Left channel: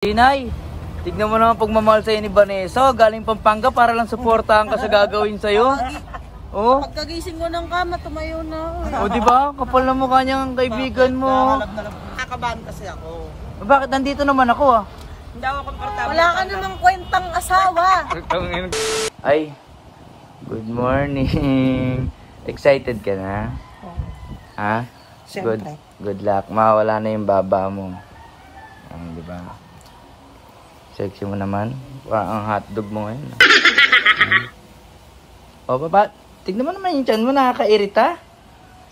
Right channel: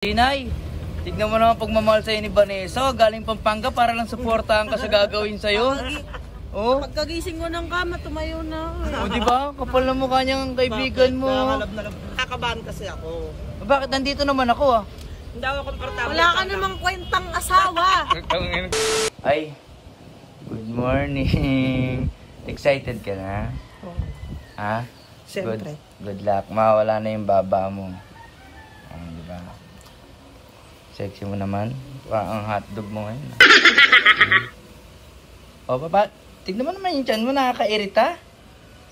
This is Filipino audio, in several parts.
Tinay, tignan mo naman pagmamahal sa'yo ni Vanessa. Galing Pampanga para lang suportahan ka sa gagawin sa'yo. Oh. Pagkagising mo ng kama, tumayo na. O diba? Kapal na mukha niyang kaibigan mo. Kakabahan kasi ako. Bakit nandito naman ako ah? Hindi ako komportable. Wala ka namang kwentang asawa. Ay, good morning. Excited ka na? Oo. Ha? Siyempre. Good luck. Mawala na yung baba mo. Diba? Sexy mo naman. Parang ang hotdog mo ngayon. O, baba. Tignan mo naman yung tiyan mo. Nakakairita.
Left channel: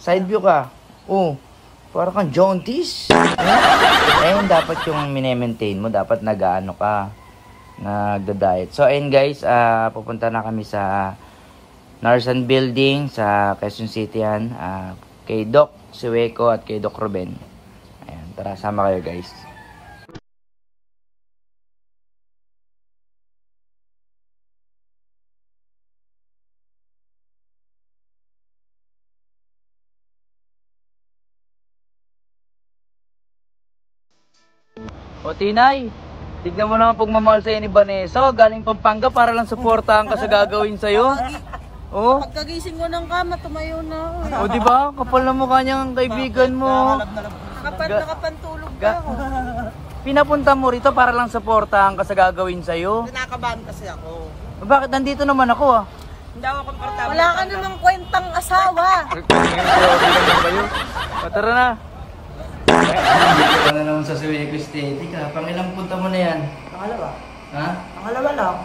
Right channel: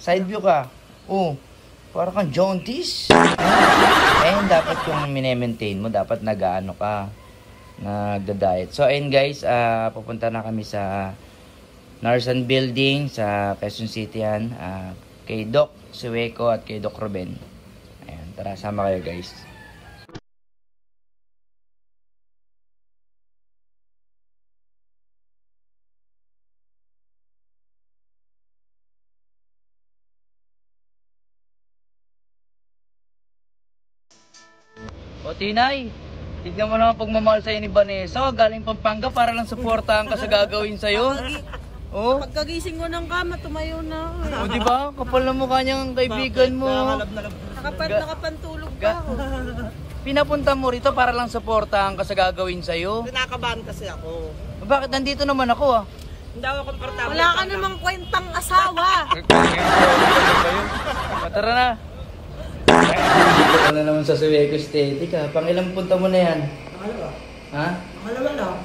Side view ka. Oh. Parang kang jaundice. Ayun, dapat yung mine-maintain mo. Dapat nag-ano ka. Nag-diet. So, ayun guys. Pupunta na kami sa Narsan Building sa Quezon City yan. Kay Doc Sueco at kay Doc Ruben. Ayun, tara. Sama kayo guys. O Tinay, tignan mo naman pagmamahal sa'yo ni Vanessa. Galing Pampanga para lang suportahan ka sa gagawin sa'yo. Oh. Pagkagising mo ng kama, tumayo na. O diba? Kapal na mukha niyang kaibigan mo. Nakapantulog pa ako. Pinapunta mo rito para lang suportahan ka sa gagawin sa'yo. Kinakabahan kasi ako. Bakit nandito naman ako ah? Hindi ako komportable. Wala ka namang kwentang asawa. Tara na. Ano naman sa Sueco Aesthetic ha? Pang ilang punta mo na yan? Pangalawa. Ha? Pangalawa lang.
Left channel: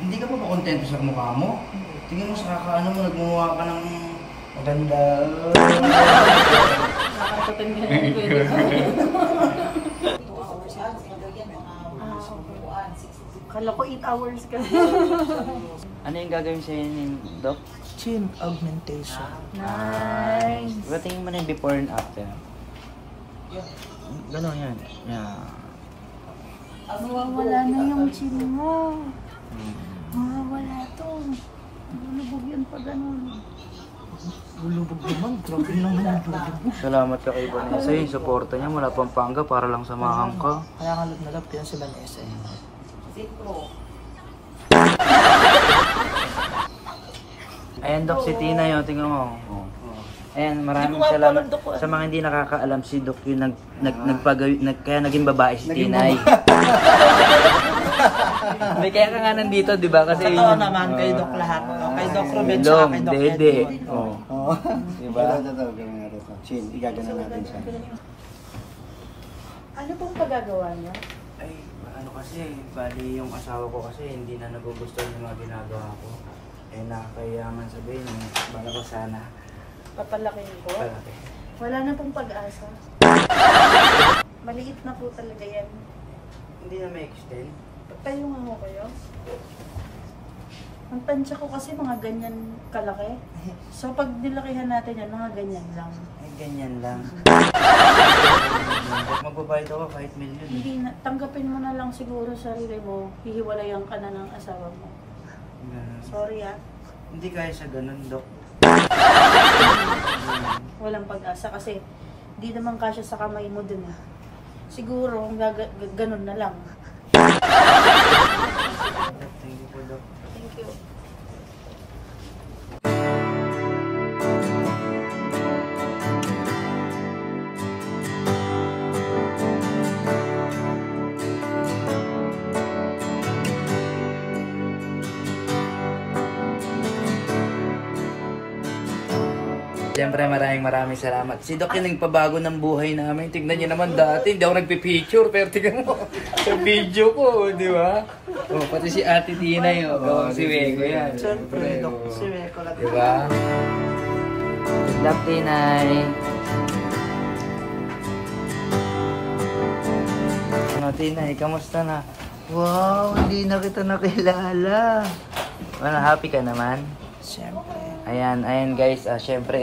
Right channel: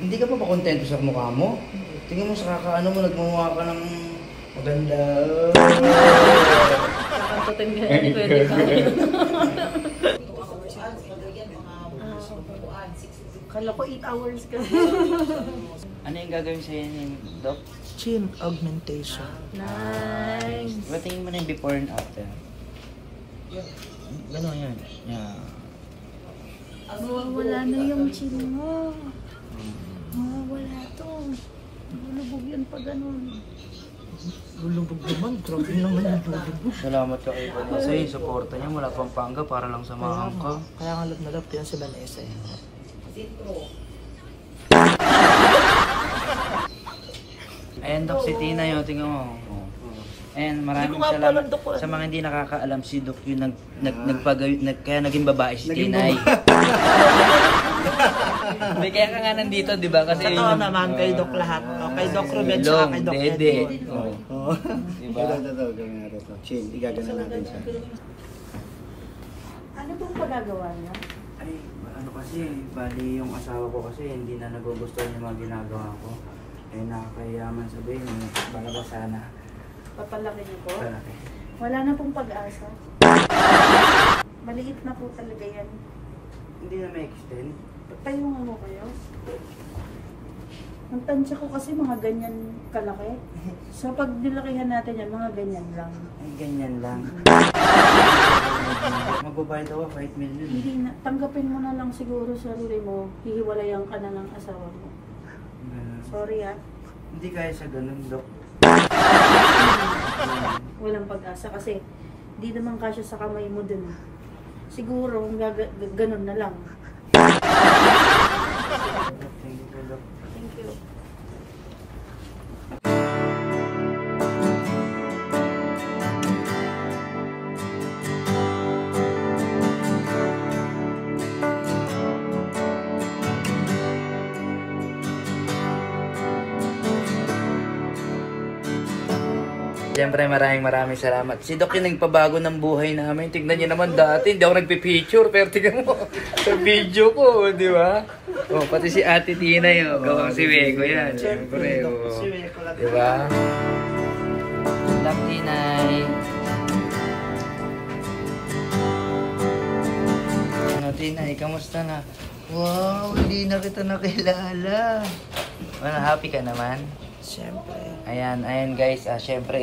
Hindi ka pa ba kontento sa mukha mo? Tingin mo sa kakaano mo, nagmumukha ka ng maganda. Kakantutin mo yan. Kala ko 8 hours ka. Ano yung gagawin sa'yo ni Doc? Chin augmentation. Nice. Diba tingin mo na yung before and after? Gano'n yan. Yeah. Mawawala na yung chin mo. Mawawala to. Lulubog yan pa ganun. Lulubog naman. Grabe naman yung lulubog. Salamat ka kay Vanessa. Yung supporta niya mula Pampanga para lang samahan ka. Kaya nga love na love ko yan si Vanessa eh. Ayan Doc, si Tina yun. Tingnan mo. Ayan, maraming salamat. Sa mga hindi nakakaalam, si Doc yung kaya naging babae si Tinay. May kaya ka nga nandito, di ba? Kasi sa tao naman, kay Doc lahat. Kay Doc Ruben, tsaka kay Doc Edward. Oo. Diba? Ito, gawin natin ito. Chin, igagana natin siya. Ano pong pagagawa niya? Ay, ano kasi, bali yung asawa ko kasi hindi na nagugustuhan yung mga ginagawa ko. Ay, nakakayaman sabihin, bala ko sana. Papalakihin ko? Palaki. Wala na pong pag-asa. Maliit na po talaga yan. Hindi na may extend? Pagtayungan mo kayo. Ang tansya ko kasi mga ganyan kalaki. So pag nilakihan natin yan, mga ganyan lang. Ay, ganyan lang. Magbabayad ako 5 million. Hindi na, tanggapin mo na lang siguro sarili mo, hihiwalayan ka na ng asawa mo. Ganun. Sorry ah. Hindi kaya sa ganun, Doc. Walang pag-asa kasi di naman kasya sa kamay mo dun eh. Siguro ganun na lang. Thank you, Doc. Thank you. Siyempre maraming salamat. Si Doc yung nagpabago ng buhay namin. Tignan niyo naman dati, hindi ako nagpipicture. Pero tignan mo, sa video ko, di ba? Oh, pati si Ate Tina yun. Oh, si Wego yan. Siyempre, di ba? Love Tinay. Ano Tinay, kamusta na? Wow, hindi na kita nakilala. Ano, happy ka naman? Siyempre. Ayan guys, siyempre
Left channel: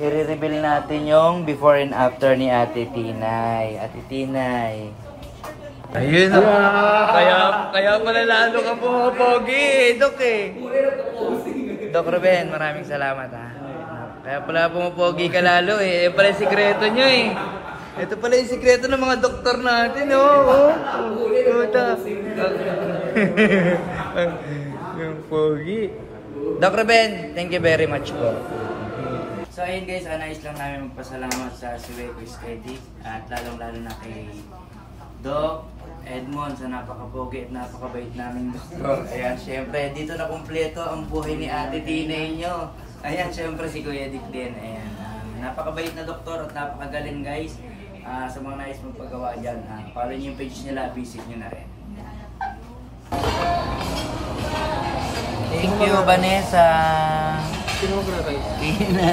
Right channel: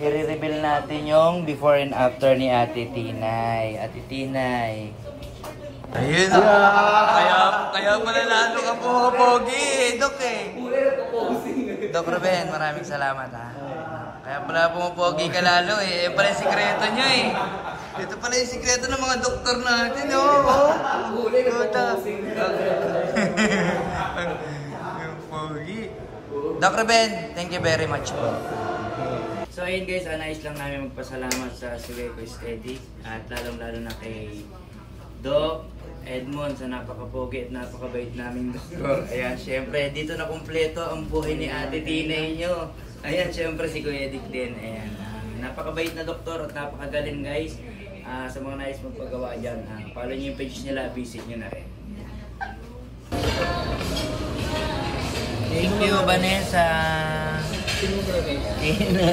i-reveal natin yung before and after ni Ate Tinay. Ate Tinay. Ayun kaya pala lalo ka pumapogi, Doc eh. Doc Ruben, maraming salamat ha. Kaya pala pumapogi ka lalo eh. Pala sikreto nyo eh. Ito pala yung sikreto ng mga doktor natin, oh. Puta. Yung pogi. Doc Ruben, thank you very much po. So ayun guys, nais lang namin magpasalamat sa Sueco Aesthetic at lalong-lalo na kay Doc Edmond sa napakapogi at napakabait naming doktor. Ayan, syempre, dito na kumpleto ang buhay ni Ate Tina nyo. Ayan, syempre si Kuya Dick din. Ayan, napakabait na doktor at napakagaling guys. Sa mga nais magpagawa dyan, follow nyo yung page nila, visit nyo na rin. Thank you, Vanessa. Sino mo ba? Tina.